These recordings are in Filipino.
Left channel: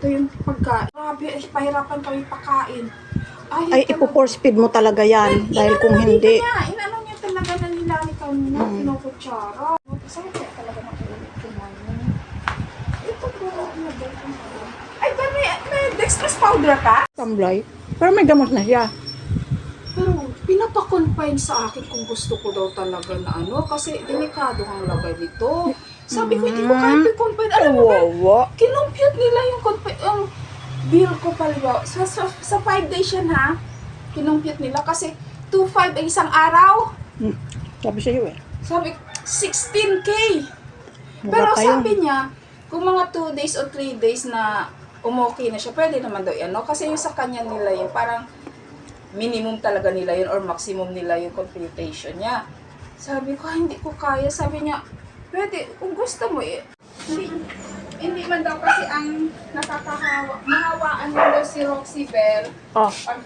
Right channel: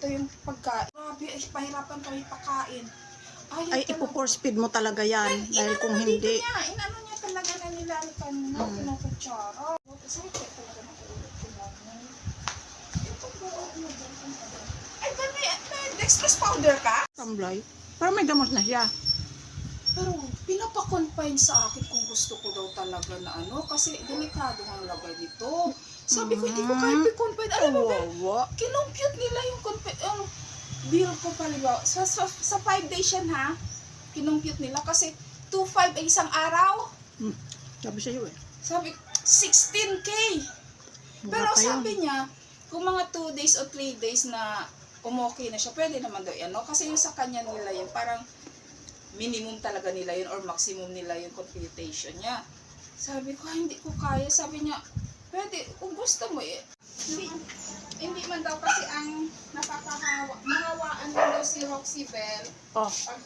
ito yung pagkain. Grabe, pahirapan kami pakain. Ay, ipo-force feed mo talaga yan. Dahil kung hindi... Inano niya talaga na nilalikan niya, kinukutsara. Saan kaya talaga makikinig? Ito po, ay, ba may dextrose powder ka? Tamblay. Pero may gamot na siya. Pero pinapa-confine sa akin kung gusto ko daw talaga na ano, kasi delikado ang lagay nito. Sabi ko, hindi ko kaya i-confine. Alam mo ba, kinumpute nila yung bill ko pala. Sa 5 days yan ha, kinumpute nila kasi 2.5 ang isang araw. Sabi sa'yo eh. Sabi, 16K. Pero sabi niya, kung mga 2 days o 3 days na umokay na siya, pwede naman daw yan. No? Kasi yung sa kanya nila yun, parang minimum talaga nila yun or maximum nila yung computation niya. Sabi ko, hindi ko kaya. Sabi niya, pwede, kung gusto mo eh. Hindi man daw kasi ang mahawaan mo daw si Roxy Bell. Oh. Pag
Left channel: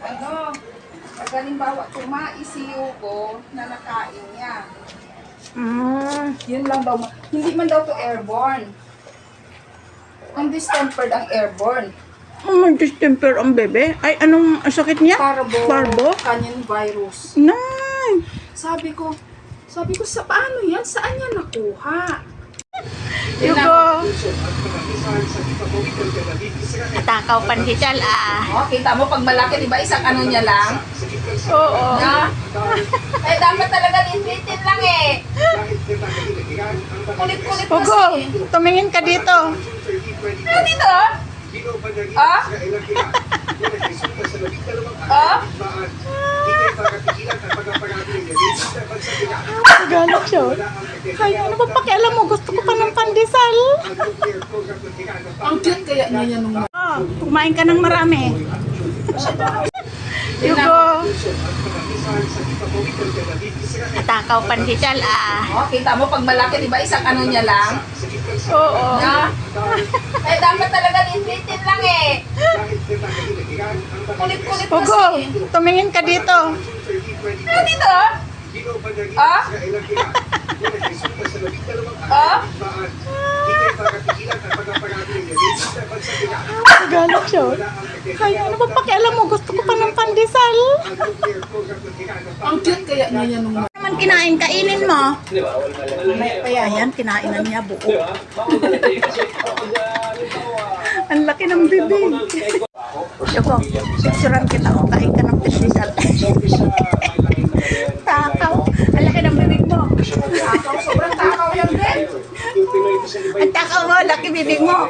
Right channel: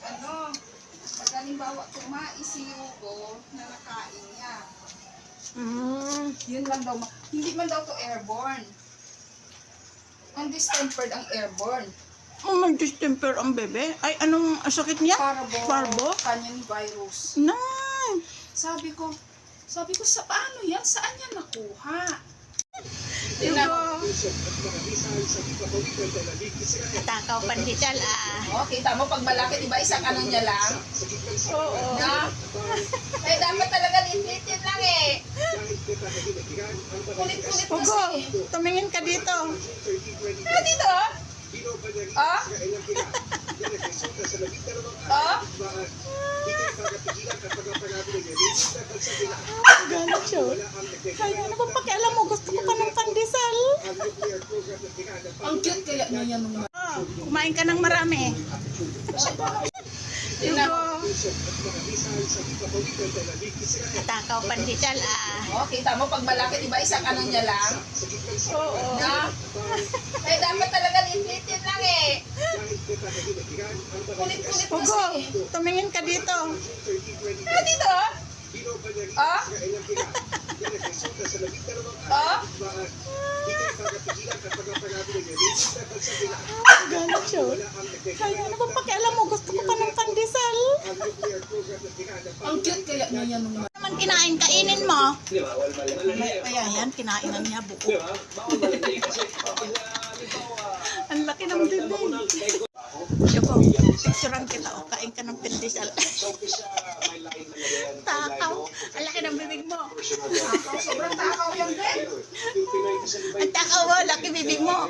pag halimbawa tumais si Hugo na nakain niya. Yun lang daw. Hindi man daw to airborne. Ang distempered ang airborne. May distemper ang bebe. Ay, anong sakit niya? Parbo? Canyon virus. Nay! Sabi ko, sa paano yan? Saan niya nakuha? Hugo! Takaw panhital Oh, kita mo pag malaki, di ba isang ano niya lang? Oo. Na? Eh, dapat talaga litin lang eh. Kulit-kulit Hugo, kasi. tumingin ka dito. Dito? Ah? Ah? Galit siya. Kaya ano ba pakialam mo? Gusto ko pa ng pandesal. Ang cute kaya niya nung... Kumain ka ng marami. Hugo. Takaw panhital Oh, kita mo pag malaki, di ba isang ano niya lang? Oo. Na? Eh, dapat talaga litin lang eh. Kulit-kulit Hugo, kasi. tumingin ka dito. Dito? Ah? Ah? Galit siya. Kaya ano ba pakialam mo? Gusto ko pa ng pandesal. Ang cute kaya niya nung... Naman kinain, kainin mo. Ayan, kinainan niya buo. Ang laki ng bibig. Hugo, susuran kita o kain ka ng pandesal. Takaw. Ang laki ng bibig mo. Takaw, sobrang takaw yan din. Ang takaw mo, laki bibig mo.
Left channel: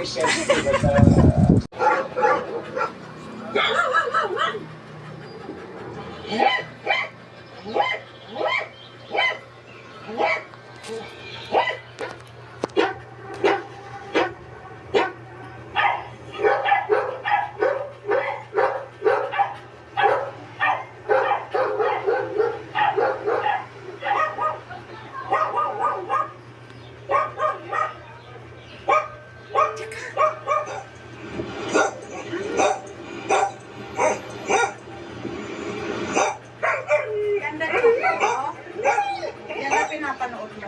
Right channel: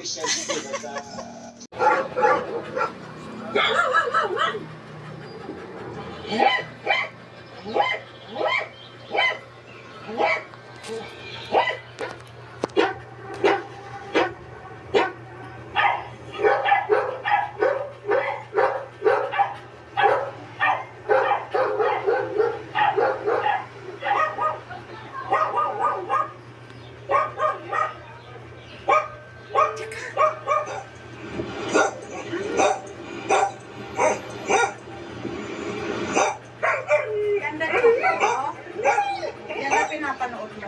Ganda rin ako. Yan ang pinapanood mo.